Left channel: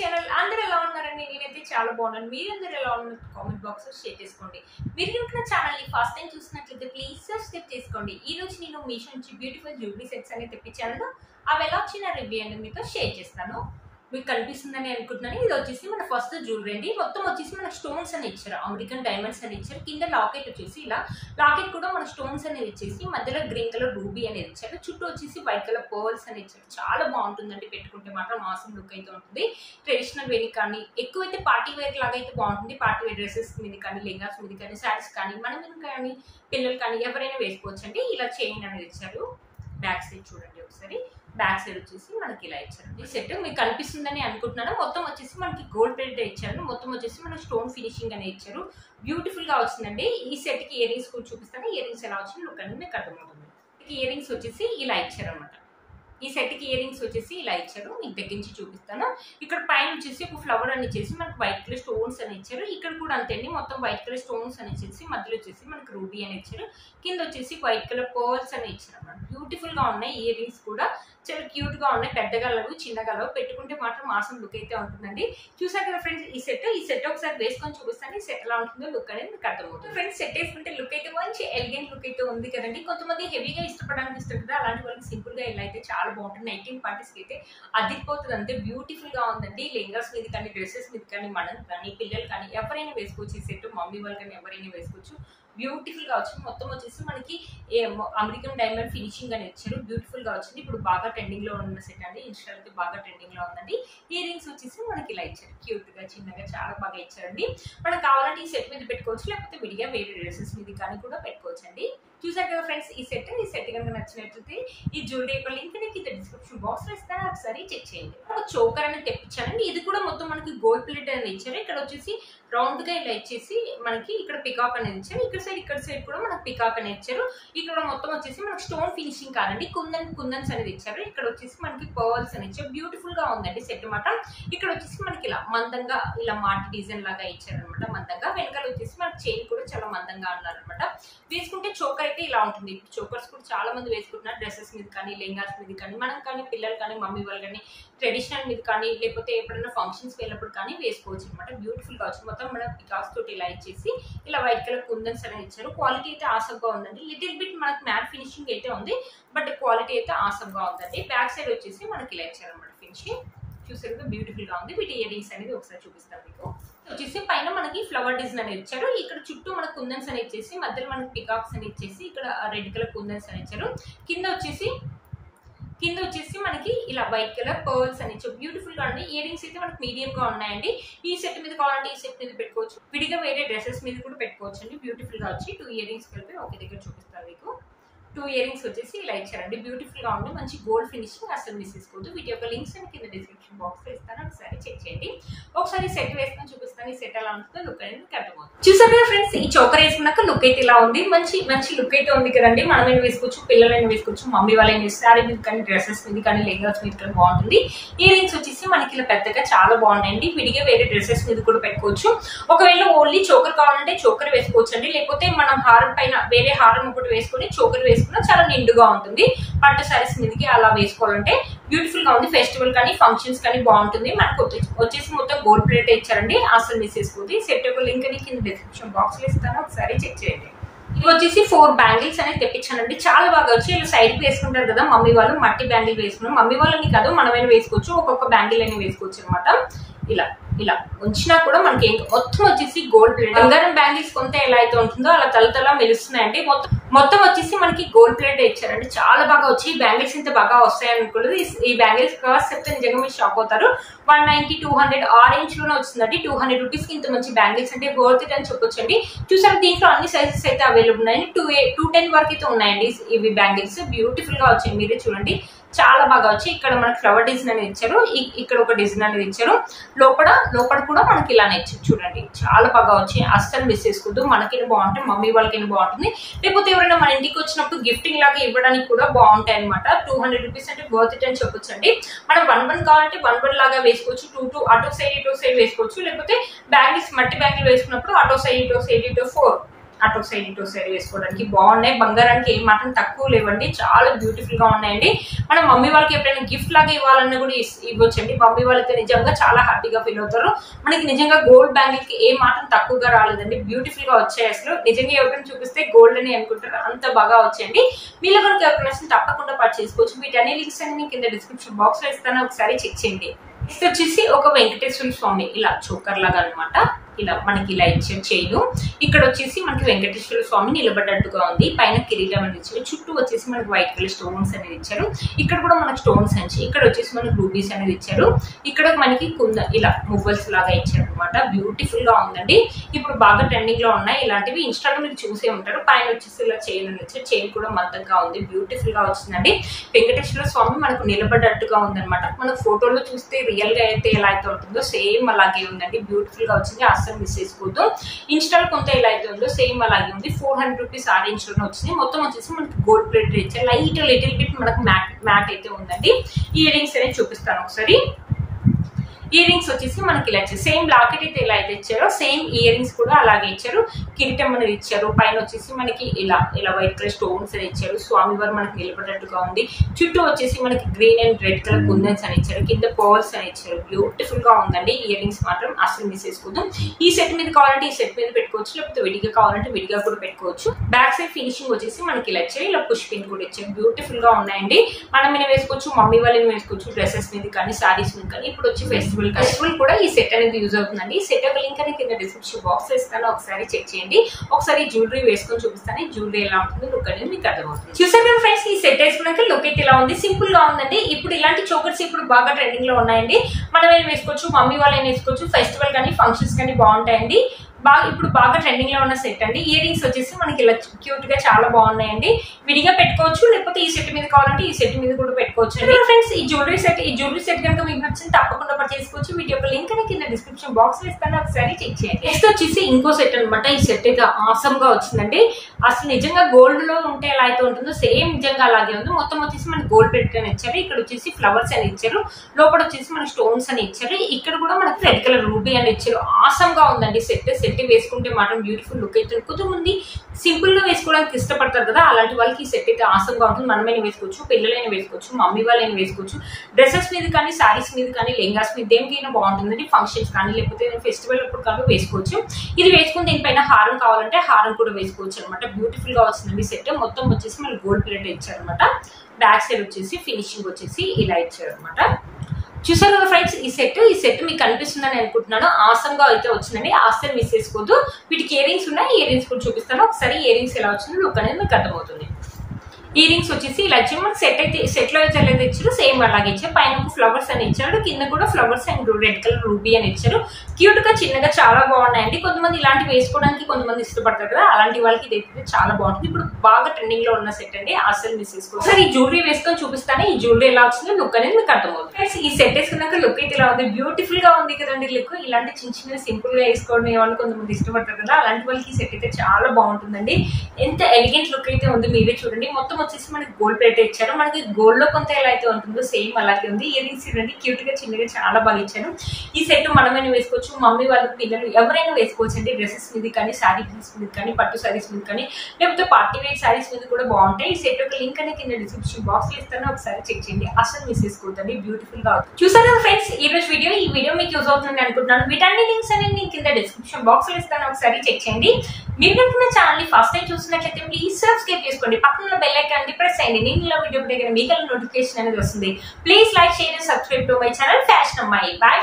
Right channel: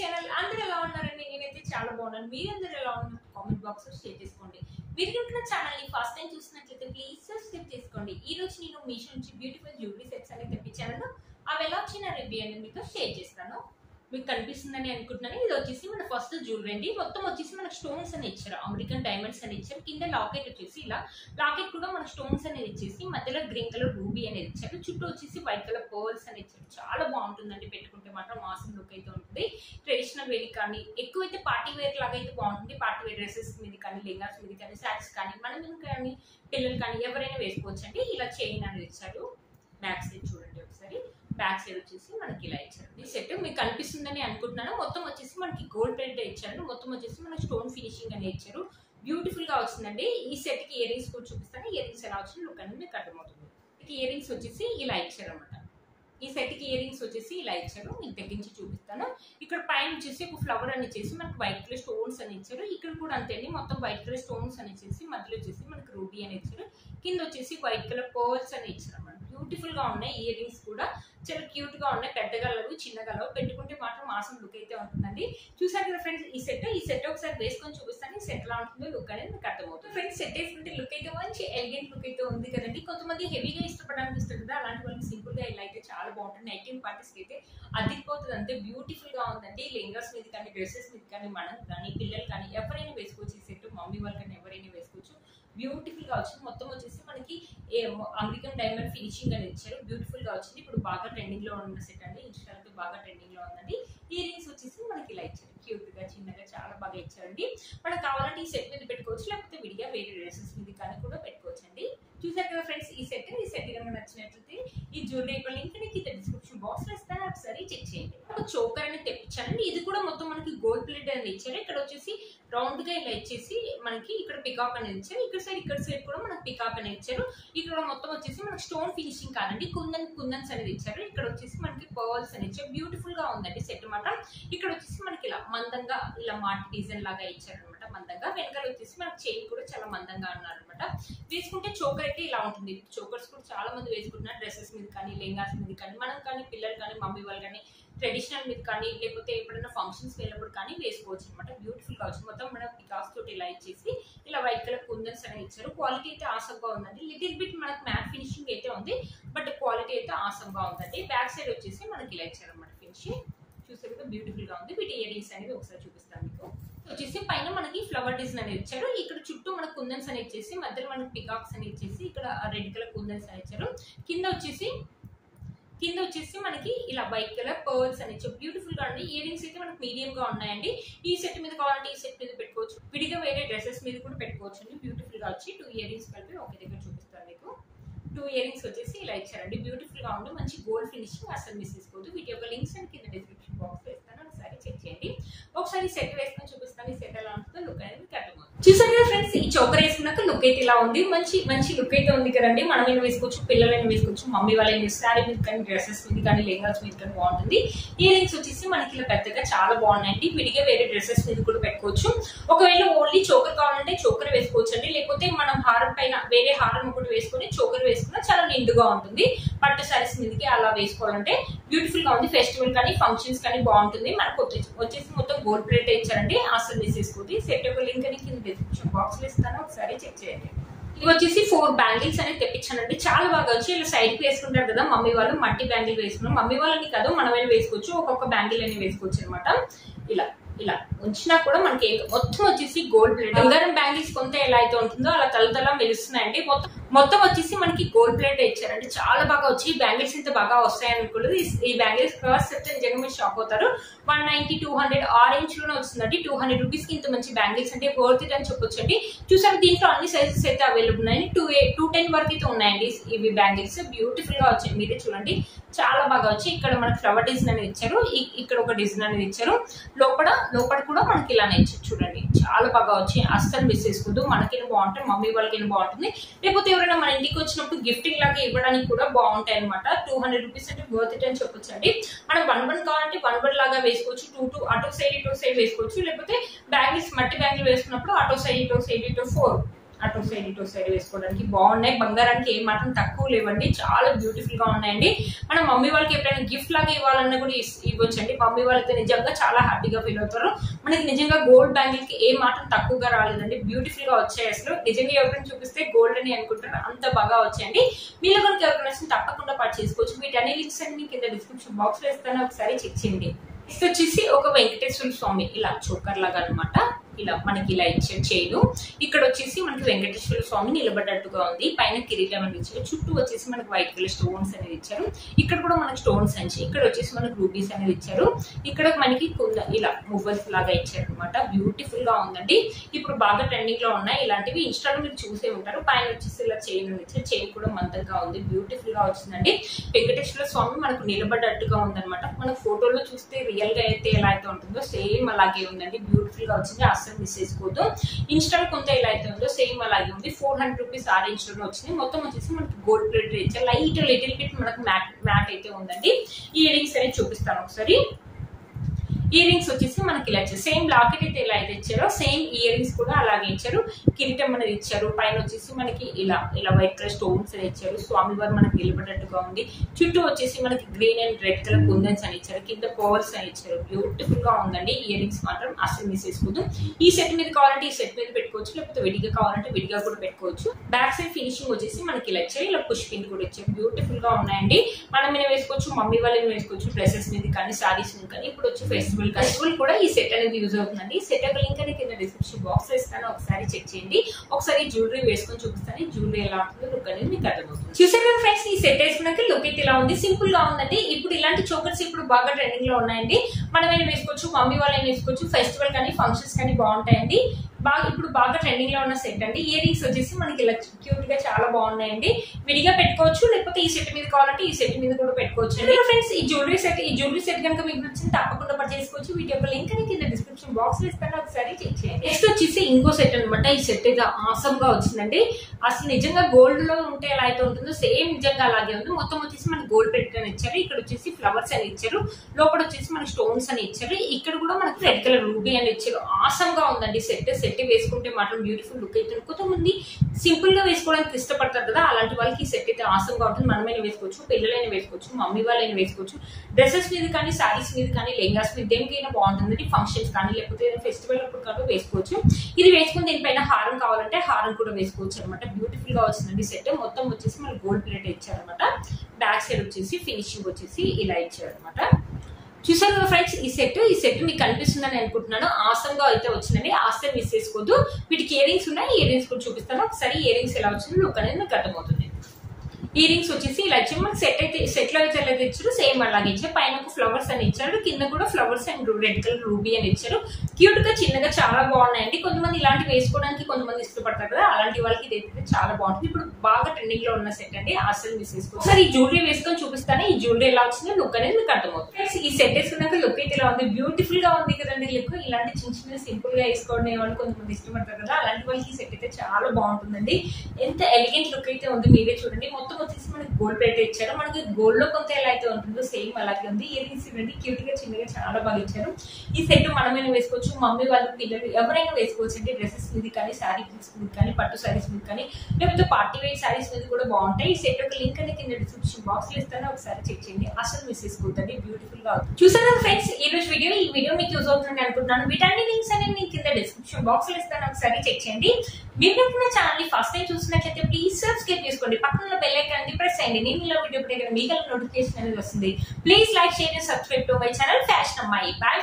Channel అందరూ ఎలా ఉన్నారండి? నేనైతే చాలా బాగున్నాను. మీరందరూ ఎలా ఉన్నారు? కామెంట్ బాక్స్ లో షేర్ చేసుకోండి. మీరు కనుక ఛానల్ ని ఫస్ట్ టైం చూసినట్లయితే ప్లీజ్ సబ్స్క్రైబ్ చేసుకోండి. ఈ రోజు నేను మీషో నుంచి బ్యూటిఫుల్ జ్యువెలరీ సెట్స్ అనేది తెప్పించాను. అవి ఎలా వచ్చిన రివ్యూ అనేది మీతో షేర్ చేస్తాను. మీకు కనిపిస్తుందని అనుకుంటున్నాను. ఇది వచ్చేసి మన ఫస్ట్ జ్యువెలరీ అండి. మొత్తం వచ్చేసి మనకు స్టోన్స్ అని ఇచ్చారు, అమెరికన్ డైమండ్స్ అని ఇచ్చారు. కింద లాకెట్ వచ్చేసి ఇలా లాకెట్ కూడా మన స్టోన్స్ అనేది ఇచ్చేసి మధ్యలో గ్రీన్ కలర్ రూబీ అనేది ఇచ్చారు. చుట్టూ వచ్చేసి వైట్ కలర్ పర్ల్స్ అని ఇచ్చారు. చాలా బాగుంటుందండి, పెట్టుకుంటే మాత్రం మాసం లుక్ అయితే ఉంటుంది. ట్రెడిషనల్ వేర్ కానీ ఎక్కువైతే పార్టీ వేర్ లాగా అయితే బాగుంటుంది. పార్టీ వేర్ డ్రెస్సెస్ మీద కానీ, లెహంగాస్ మీద కానీ, శారీస్ కానీ, మన మీద కానీ, పిల్లలు కానీ ఎవరైనా వేసుకోవచ్చు అండి. ఇలా చైన్ అనేది ఇచ్చారు. బ్యాక్ సైడ్ చూడండి ఒకసారి. బ్యాక్ సైడ్ వచ్చేసి మనకి ఇలా ఇచ్చారు. ఈ సెట్ మీకు కనిపిస్తుందని అనుకుంటున్నాను. మొత్తం వచ్చేసి మనకి గోల్డ్ ప్లేట్ ఇచ్చారు. మొత్తం వచ్చేసి మనకి స్టోన్ ఫినిషింగ్ అనేది ఇచ్చారు. బ్యూటిఫుల్ గా వచ్చిందండి. ఈ సెట్ కి ఇయర్ రింగ్స్ కూడా చూపిస్తాను. ఇయర్ రింగ్స్ ఎలా వచ్చింది లుక్ అనేది మీకు అర్థమవుతుంది. ఇయర్ రింగ్స్ వచ్చేసి ఇలా ఇచ్చారు అనమాట. ఈ సెట్ కి ఇయర్ రింగ్స్ వచ్చేసి ఇలా ఇచ్చారు. మీకు దగ్గర నుంచి చూపిస్తాను. ఇక్కడ పైన వచ్చేసి ఒక ఫ్లవర్ అని ఇచ్చేసి మనకి వైట్ కలర్ స్టోన్స్ అని ఇచ్చారు. ఇక్కడ కూడా అంతే అండి, మొత్తం వైట్ కలర్ స్టోన్స్ అని ఇచ్చేసి మధ్యలో వచ్చేసి మనకి రూబీ అని ఇచ్చారు. కింద వచ్చేసి వైట్ కలర్ పర్ల్స్ అని ఇచ్చారు అనమాట. బ్యూటిఫుల్ గా ఉన్నాయి. ఇయర్ రింగ్స్ కూడా చాలా క్యూట్ గా ఉన్నాయి. పెద్దగా లేవు, చిన్నగా లేవు. పెట్టుకుంటే మాత్రం మాసం లుక్ అయితే ఉంటుందండి. చూసారు కదా ఫ్రెండ్స్, ఈ సెట్ ఒకసారి వేసుకొని చూపిస్తాను. ఈ సెట్ ఎలా ఉంటుందో లుక్ అనేది మీకు అర్థమవుతుంది. ఫ్రెండ్స్, సెట్ వేసుకుంటే లుక్ అయితే మంచి ఎలిగెంట్ లుక్ అయితే ఉంది కదండి. కొంతమంది హెవీగా ఇష్టపడడానికి ఇష్టపడతారు. అలాంటి వాళ్ళకి సింపుల్ గా ఇలా అయితే చాలా బాగుంటుంది. 19 పార్టీస్ కి అయితే అదిరిపోతుంది. అంతే బ్యూటిఫుల్ గా ఉందండి. లెహంగాస్ మీద కానీ, డ్రెస్సెస్ మీద కానీ, మనం కానీ, పిల్లలు కానీ ఎవరైనా వేసుకోవచ్చు. ఈ సెట్ మమ్మీ వాళ్ళు కానీ ఎవరైనా వేసుకోవచ్చు. బ్యూటిఫుల్ గా వచ్చింది. మొత్తం వచ్చేసి మనకి అమెరికన్ డైమండ్ ఫినిషింగ్ అని ఇచ్చారు. బ్యూటిఫుల్ గా వచ్చింది. ఇప్పుడు బాగా ట్రెండింగ్ లో ఉన్న సెట్ అండి. ఇన్స్టా అయితే బాగా ట్రెండింగ్ లో ఉందండి. ఇయర్ రింగ్స్ వచ్చేసి మనకి ఇలా ఇచ్చారు. క్యూట్ గా చిన్నగా చాలా బాగా ఇచ్చారండి. మనకు కావాలంటే ఈ సెట్ మీద పెట్టుకోవచ్చు, లేకపోతే విడిగా వేరే డ్రెస్సెస్ మీద కానీ కూడా పెట్టుకోవచ్చు అండి. చూసారు కదా ఫ్రెండ్స్, ఈ సెట్ కనుక నచ్చినట్లయితే ఈ జ్యువెలరీ యొక్క లింక్ కింద డిస్క్రిప్షన్ బాక్స్ లో ఇస్తాను. ఒకసారి చెక్ చేయండి. ఒక చోకర్ అనేది తెప్పించానండి. ఇది కూడా మొత్తం మనకి గోల్డ్ ప్లేట్ అనేది ఇచ్చారు. ఇక్కడ వచ్చేసి రౌండ్ గా ఇలా ఇచ్చేసి మనకి ఇక్కడ పికాక్ అనేది ఇచ్చారు. ఇక్కడ సైడ్ కూడా మనకి పికాక్ అనేది ఇచ్చారు. ఇక్కడ మొత్తం వచ్చేసి మనకి స్టోన్ ఫినిషింగ్ కాదండి, కుందన్స్ అనేది ఇచ్చారు. ఇక్కడ వచ్చేసి మనకి పర్ల్స్ అని ఇచ్చారు. బ్యూటిఫుల్ గా ఉందండి సెట్ మాత్రం. ఇక్కడ వచ్చేసి మనకి ఇలా మందంగా ఇలా మాటి డిజైన్ లాగా ఇచ్చారు అనమాట. మందంగా వెనకాల వచ్చేసి మనకి చైన్ కూడా చాలా మందంగా అన్నారనమాట. వేసుకుంటే చోకర్ అయితే ఇలా ఉంటుంది. చోకర్స్ కూడా చాలా మంది వేసుకుంటున్నారు. డ్రెస్సెస్ మీద కానీ, లెహంగాస్ మీద కానీ, మనం కానీ, పిల్లలు కానీ, మమ్మీ వాళ్ళు కానీ, ట్రెడిషనల్ మీద కానీ, లేకపోతే ఎప్పుడైనా ఫంక్షన్స్ వెళ్ళినప్పుడు కానీ వేసుకోవచ్చు అనమాట. బ్యూటిఫుల్ గా వచ్చింది. మొత్తం మనం పికాక్స్ తోటి ఇలా ఇచ్చేసి ఇలా వైట్ కలర్ కుందన్స్ అనేది ఇచ్చారు. క్వాలిటీ అయితే ఆసంగా ఉందండి. లిటిల్ బిట్ మనకి మ్యాట్ ఫినిషింగ్ అయితే ఉంది, బట్ క్వాలిటీ అయితే ఆసంగా ఉందండి. బ్యాక్ సైడ్ వచ్చేసి మనకి ఇలా ఇచ్చారు అనమాట ఫినిషింగ్. చూసారు, బ్యూటిఫుల్ గా ఉంది. వీటి ఇయర్ రింగ్స్ అనేది ఒకసారి చూపిస్తాను మీకు. వచ్చేసి పైన మనకి ఫ్లవర్ డిజైన్ అనేది ఇచ్చారు. ఇక్కడ చుట్టూ మనకు కుందన్స్ అని ఇచ్చేసి మధ్యలో మనకి పికాక్స్ అని ఇచ్చేసి ఇక్కడ రెడ్ కలర్ కుందన్స్ అని ఇచ్చారు. కింద వచ్చేసి మనకి ఇలా వైట్ కలర్ పర్ల్స్ అని ఇచ్చారు. బ్యూటిఫుల్ గా ఉంది. ఇయర్ రింగ్స్ అయితే మనకి మీడియం గా ఉన్నాయండి. ఈ సెట్ మీద కావాలంటే ఈ సెట్ మీద పెట్టుకోవచ్చు, విడిగా వేరే డ్రెస్సెస్ మీద కూడా పెట్టుకోవచ్చు అండి. బ్యూటిఫుల్ గా వచ్చి 2 ఇయర్ రింగ్స్ కలిపి ఒకే దగ్గర చూపిస్తాను మీకు. 2 ఇయర్ రింగ్స్ వచ్చేసి ఇలా ఇచ్చారండి. బ్యూటిఫుల్ గా ఉంది. మంచి గోల్డ్ ఫినిషింగ్, అసలు మిస్ చేసుకోవద్దు. వీటి యొక్క లింక్స్ కింద డిస్క్రిప్షన్ బాక్స్ లో ఇస్తాను. ఒకసారి చెక్ చేయండి. ఒకసారి సెట్ వేసుకొని చూపిస్తాను. ఈ సెట్ ఎలా ఉంటుందో లుక్ అనేది అర్థమవుతుంది. చూసారు కదా ఫ్రెండ్స్, ఈ చోకర్ వేసుకున్నాక లుక్ అయితే ఇలా ఉంది. మంచి లుక్ అయితే ఉంది కదండి. మనమైనా వేసుకోవచ్చు, పిల్లలైనా వేసుకోవచ్చు, మమ్మీ వాళ్ళైనా శారీ మీద కానీ, డ్రెస్సెస్ మీద కానీ, లెహంగాస్ మీద కానీ బాగుంటుంది. ఇయర్ రింగ్స్ వచ్చేసి మనకి ఇలా పెద్దగా చాలా బాగున్నాయండి. విడిగా వేరే డ్రెస్సెస్ మీద కూడా పెట్టుకోవచ్చు. ఒకవేళ ఓన్లీ చోకర్ కావాలంటే చోకర్ వేసుకోవచ్చు అండి. లేకపోతే మనం హారం పైన వేరే హారం ఒకటి వేసుకొని చోకర్ వేసుకున్నా చాలా నిండుగా ఉంటుంది. పట్టు శారీస్ మీదకి అలా వేసుకోవాలంటే బ్యూటిఫుల్ గా ఉంది. ఫెస్టివల్ కానీ, ఫంక్షన్స్ కానీ బాగుంటుంది. మనకు వచ్చేసి మొత్తం గోల్డ్ ప్లేట్ ఇచ్చారండి. అసలు మిస్ చేసుకోండి. సెట్ యొక్క లింక్ అని కింద డిస్క్రిప్షన్ బాక్స్ లో ఇస్తాను. ఒకసారి చెక్ చేయండి. ఇవి వచ్చేసి 4 బ్యాంగిల్స్ అనేది తెప్పించానండి. చాలా బాగా వచ్చి ఇలా సైడ్ కి వేసుకుంటారు కదా మమ్మీ వాళ్ళు. మట్టి బ్యాంగిల్ వేసుకున్నాం. మమ్మీ వాళ్ళని కాదు, మనమైనా వేసుకోవచ్చు. ఒక్కొక్క బ్యాంగిల్ అయినా వేసుకోవచ్చు అనమాట. ఇలా ఉంచినా కూడా మనకి మొత్తం వచ్చేసి గోల్డ్ ప్లేట్. బంగారం బ్యాంగిల్స్ కొంత ఎలా అయితే ఉంటుందో అలా తల మెరుస్తున్నాయండి. మొత్తం వచ్చేసి మనకి గోల్డ్ ప్లేట్ ఇచ్చారండి. చాలా బాగా వచ్చి బ్యాంగిల్స్ ఇంత బాగా వస్తాయని అనుకోలేదు. ఈ బ్యాంగిల్స్ కాస్ట్ చెప్తే నిజంగా మీరు షాక్ అవుతారు. 190, 200 ఆరెంజ్ లోనే వస్తుందండి. 200 రూపీస్ కి ఇంత మంచి బ్యాంగిల్స్ అంటే వర్త్ ఇట్ అని చెప్పొచ్చండి. చూసారు, దీంట్లో అన్ని సైజెస్ అయితే అవైలబుల్ ఉన్నాయి. 210 వరకు అయితే ఉన్నాయండి ఇవి బ్యాంగిల్స్. బ్యూటిఫుల్ గా వచ్చాయి. మీరే చూడండి, చాలా బాగా వచ్చి ఇక్కడ మనకి ఫ్లవర్ డిజైన్ అనేది ఇచ్చారు. ఇక్కడ ఒక డిజైన్ అనేది ఇచ్చారు. లోపల కూడా మనకి ఇలానే ఇచ్చారు. చూడండి, చాలా బాగా వచ్చి అస్సలు మిస్ చేసుకోవద్దు. మనకి బాగుంటుంది, మమ్మీ వాళ్ళకి బాగుంటుంది. లేకపోతే ఎవరైనా మన ఇంటికి వచ్చినప్పుడు గిఫ్టింగ్ లాగా ఇవ్వడానికి కూడా బాగుంటాయి అనమాట. 200 రూపీస్ అంటే వర్త్ ఇట్ అని చెప్పొచ్చు అండి. మనం 1 కావాలంటే 1 లాగా వేసుకోవచ్చు. 2 అటో సైడ్ ఇటో సైడ్ వేసుకోవచ్చు. లేకపోతే బ్యాంగిల్స్ మట్టి బ్యాంగిల్ వేసుకున్నప్పుడు అటో సైడ్ ఇటో 4 అటు సైడ్ వేసుకోవడానికి బాగున్నాయి. బంగారానికి ఏ మాత్రం తక్కువ లేవండి, చాలా బ్యూటిఫుల్ గా ఉన్నాయండి. మన మమ్మీ వాళ్ళకి ఎప్పుడైనా గిఫ్ట్ లాగా ఇవ్వాలన్నా కూడా ఇవ్వచ్చండి. మమ్మీ వాళ్ళైతే నిజంగా చాలా హ్యాపీగా ఫీల్ అవుతారు. మనకి నిజంగా గోల్డ్ బ్యాంగిల్ కి ఏ మాత్రం తక్కువగా రాలేదండి, బ్యూటిఫుల్ గా వచ్చాయి. అసలు నిజంగా ఎవరైనా చూపిస్తే గోల్డ్ అని అనుకుంటారు, అంత బాగా వచ్చాయండి. మీలో కనుక ఎవరైనా తప్పకుండా పర్చేస్ చేసుకోవచ్చు. వీటన్ని లింక్స్ అన్ని కింద డిస్క్రిప్షన్ బాక్స్ లో ఇస్తాను, ఒకసారి చెక్ చేయండి. నెక్స్ట్ వచ్చేసి ఒక వెంకటేశ్వర స్వామి ఇలా చోకర్ లాగా అనమాట, ఇలా మనకి ఇలా ఇచ్చారు చైన్. ఇక్కడ వచ్చేసి మనకి వెంకటేశ్వర స్వామి నిలబడ్డట్టుగా ఉంది, పైన కిరీటం అనేది ఇచ్చారు, చుట్టూ వచ్చేసి మనకి వైట్ కలర్ స్టోన్స్ అనేది ఇచ్చారు. ఇక్కడ కూడా మనకి స్టోన్స్ అని ఇక్కడ వచ్చేసి మనకి రూబీస్ అనేది ఇచ్చారు. ఇక్కడ మనకి కుంద ఇలా మువ్వల్స్ లాగా ఇచ్చారు అనమాట, బ్యూటిఫుల్ గా ఉందండి. ఇప్పుడు బాగా ట్రెండింగ్ లో ఉన్నాయి ఇలాంటివి, ఇన్స్టాలో మీరు చూసే ఉంటారు. పైన వచ్చేసి ఇలా చైన్ అని ఇచ్చారు, చైన్ కూడా మందంగా ఉంది, బ్యూటిఫుల్ గా వచ్చిందండి. వెంకటేశ్వర స్వామి మనకు నిలబడ్డట్టుగా ఉందన్నమాట. మనకు ఫోటోలో చూస్తే రియల్ గా అయితే ఎలా అయితే ఉంటుందో సేమ్ అలాగే ఉందండి, బ్యూటిఫుల్ గా వచ్చింది. మిస్ చేసుకోవద్దు. ఇన్స్టాల్ కొంత ఎలా అయితే ఉందో సేమ్ అలాగే ఉంది. 400 రూపీస్ ఆ రేంజ్ లోనే వచ్చింది. మొత్తం వచ్చేసి మనకి గోల్డ్ ప్లేట్ ఇచ్చారు, లైట్ లిటిల్ బిట్ మనకు మ్యాట్ అయితే ఉందండి. ఇయర్ రింగ్స్ అనేది చూపిస్తాను ఒకసారి. ఇయర్ రింగ్స్ వచ్చేసి మనకి ఇలా ఇచ్చారు, సేమ్ లాకెట్ అయితే ఎలా అయితే ఇచ్చారో సేమ్ ఇయర్ రింగ్స్ కూడా అలాగే ఇచ్చారు. కిరీటం అనేది ఇచ్చారు, పైన వచ్చేసి మనకి ఇలా వైట్ కలర్ స్టోన్స్ అని ఇచ్చారు. స్వామివారు మనకి నిలబడేట్టుగా ఉంది. చుట్టూ వచ్చేసి మనకి గ్రీన్ అండ్ రెడ్ కలర్ కుందన్స్ అని ఇచ్చారు, కింద పర్ల్స్ అని ఇచ్చారు. బ్యూటిఫుల్ గా ఉందండి. ఇయర్ రింగ్స్ మాత్రం అసలు మిస్ చేసుకోవద్దు. ఈ సెట్ మీద కావాలంటే ఈ సెట్ మీద పెట్టుకోవచ్చు, లేకపోతే విడిగా కావాలంటే విడిగా కూడా పెట్టుకోవచ్చు. బ్యాక్ సైడ్ ఫినిషింగ్ వచ్చేసి మనకి ఇలా ఇచ్చారు, ఇలా పుష్ పిన్ కూడా ఇచ్చారు, బ్యూటిఫుల్ గా ఉన్నాయండి. మనం మీద వేసుకోవచ్చు, మమ్మీ వాళ్ళని వేసుకోవచ్చు, డ్రెస్సెస్ మీద కానీ సారీస్ మీద కానీ. ఇప్పుడు వచ్చి ఫెస్టివల్ కూడా ఈ సెట్ అనేది యూజ్ అవుతుందండి. ఈ సెట్ యొక్క లింక్ అనేది కింద డిస్క్రిప్షన్ బాక్స్ లో ఇస్తాను, ఒకసారి చెక్ చేయండి. ఒకసారి జ్యువెలరీ వేసుకొని చూపిస్తాను, జ్యువెలరీ ఎలా ఉంటుంది లుక్ అనేది మీకు అర్థమవుతుంది. చూసారు కదా ఫ్రెండ్స్, ఈ సెట్ వేసుకున్నాక లుక్ అయితే ఇలా ఉంది, సింపుల్ గా ఉందండి. ఇప్పుడు ఇలాంటి చోకర్స్ ఇప్పుడు బాగా ట్రెండింగ్ లో ఉన్నాయండి. మనం ఏం వేసుకోవచ్చు, మమ్మీ వాళ్ళు ఏం వేసుకోవచ్చు, ఫెస్టివల్ కానీ ఫంక్షన్స్ కానీ బాగుంటాయండి. ఇప్పుడు బాగా ట్రెండింగ్ లో ఉన్న సెట్ అండి. ఇయర్ రింగ్స్ వచ్చేసి మనకి ఇలా క్యూట్ గా చాలా బాగున్నాయండి. విడిగా పెట్టుకోవచ్చు, లేకపోతే ఈ సెట్ మీద కావాలంటే ఈ సెట్ మీద కూడా పెట్టుకోవచ్చు అండి. ఫ్రెండ్స్, ఈ జ్యువెలరీ సెట్ కనుక మీకు నచ్చింది తప్పకుండా పర్చేస్ చేసుకోవచ్చు. వీటి యొక్క లింక్ ని కింద డిస్క్రిప్షన్ బాక్స్ లో ఇస్తాను, ఒకసారి చెక్ చేయండి. నెక్స్ట్ వచ్చేసి ఇంకో సెట్ అనమాట. ఈ సెట్ అయితే ఆసమ్ గా వచ్చిందండి. అసలు నిజంగా గోల్డ్ లో ఉంటే ఎలా అయితే ఉంటుందో సేమ్ నిజంగా అలాగే ఉంది. మొత్తం వచ్చేసి మనకి గోల్డ్ ప్లేట్ అని ఇచ్చారు, ఇక్కడ వచ్చేసి ఫ్లవర్స్ అని ఇచ్చారు, లోపల వచ్చేసి మనకి స్టోన్స్ అని ఇచ్చారు. ఇక్కడ కూడా మనకి రెడ్ కలర్ రూబీ అని ఇచ్చారు. ఆసమ్ గా ఉందండి సెట్ వేసుకుంటే మాత్రం బ్యూటిఫుల్ లుక్ అయితే. కొంతమంది సింపుల్ గా వేసుకోవడానికి ఇష్టపడతారు కదా, అలాంటి వాళ్ళకి ఈ సెట్ అయితే ఆసమ్ గా ఉంటుంది. మనమైనా వేసుకోవచ్చు, పిల్లలైనా వేసుకోవచ్చు, మమ్మీ వాళ్ళైనా వేసుకోవచ్చు. డ్రెస్సెస్ మీద కానీ సారీస్ మీద కానీ లెంగాస్ మీద దేనికైనా బాగుంటుందండి. ఫంక్షన్స్ కానీ లేకపోతే ఫెస్టివల్ అప్పుడు కానీ వేసుకోవచ్చు. ఇది వేసుకుని దీనిపైన హారం కావాలంటే హారం కూడా వేసుకోవచ్చు అనమాట. బ్యూటిఫుల్ గా వస్తుందండి సెట్. మొత్తం వచ్చేసి మనకి గోల్డ్ ప్లేట్ ఇచ్చారనమాట. బ్యాక్ సైడ్ వచ్చేసి ఫినిషింగ్ వచ్చేసి ఇలా ఇచ్చారనమాట. చూసారు కదా ఫ్రెండ్స్, ఈ సెట్ మీకు కనిపిస్తుందని అనుకుంటున్నాను. ఆసమ్ గా అయితే వచ్చిందండి, ఆసమ్ మిస్ చేసుకోవద్దు. వీటికి ఇయర్ రింగ్స్ ఉన్నాయి, ఇయర్ రింగ్స్ కూడా చూపిస్తాను. ఒకసారి ఇయర్ రింగ్స్ ఎలా వచ్చిందో లుక్ అనేది మీకు అర్థమవుతుంది. ఇయర్ రింగ్స్ వచ్చేసి ఇలా ఇచ్చారు. మనకి సెట్ లో ఎలా ఇచ్చారు సేమ్ అలాగే ఇచ్చారు. పైన ఫ్లవర్స్ అని ఇచ్చారు, కింద కూడా flowers and red colour ruby అని ఇచ్చారు. క్యూట్ గా చిన్నగా చాలా బాగున్నాయండి. కొంతమంది ఇలాంటివి వేసుకోవడానికి కొంతమంది ఇష్టపడతారు కదా, అలాంటి వాళ్ళకి ఇది అయితే చాలా బాగుంటుంది. ఇప్పుడు బాగా ట్రెండింగ్ లో ఉన్న సెట్ అండి, అసలు మిస్ చేసుకోవచ్చు. సరే, ఈ జ్యువెలరీ వేసుకొని చూపిస్తాను. ఈ జ్యువెలరీ ఎలా వచ్చిందో లుక్ అనేది మీకు అర్థమవుతుంది. ఈ సెట్ వేసుకున్నాక లుక్ అయితే ఇలా ఉంది, బ్యూటిఫుల్ గా ఉంది కదండి లుక్. ఇలాంటి చిన్న చిన్న సింపుల్ గా వేసుకోవడం వాళ్ళు కొంతమంది ఇష్టపడతారు కదా, అలాంటి వాళ్ళకి ఈ సెట్ అయితే చాలా బాగుంటుందండి. ఎంత ఎలిగెంట్ లుక్ అయితే ఉంది, మీరే చూడండి. మొత్తం వచ్చేసి మనకి గోల్డ్ ప్లేట్ ఇచ్చారు. మనకి గోల్డ్ లో కొంత ఎలా అయితే ఉంటుందో సేమ్ అలాగే ఉంది. ఇయర్ రింగ్స్ చూడండి, క్యూట్ గా చిన్నగా చాలా బాగా ఇచ్చారు. ఈ సెట్ మనమైనా వేసుకోవచ్చు, మమ్మీ వాళ్ళ పిల్లలు ఎవరైనా వేసుకోవచ్చు అండి. డ్రెస్సెస్ మీద కానీ శారీ పీస్ మీద కానీ పట్టు శారీస్ మీద కానీ లేకపోతే పార్టీ వేర్ శారీస్ మీద కూడా బాగుంటాయి. ఈ సెట్ యొక్క లింక్ అనేది కింద డిస్క్రిప్షన్ బాక్స్ లో ఇస్తాను, ఒకసారి చెక్ చేయండి. అసలు మిస్ చేసుకోవద్దండి, బ్యూటిఫుల్ గా అవుతుంది. చూసారు కదా ఫ్రెండ్స్, ఈ వీడియో మీకు యూజ్ అవుతుంది అనుకుంటున్నాను. వీటన్ని లింక్స్ అనేది నేను కింద డిస్క్రిప్షన్ బాక్స్ లో ఇస్తాను, ఒకసారి చెక్ చేయండి. మీరు కనుక ఛానల్ ని ఫస్ట్ టైం చూసినట్లయితే ప్లీజ్ సబ్స్క్రైబ్ చేసుకోండి, పక్కన బెల్ ఐకాన్ ని ప్రెస్ చేయండి. నేను ఇలా వీడియో మీకు నోటిఫికేషన్ అనేది వస్తుంది. Please like, share and subscribe to my channel fashion అమ్మాయి. బై.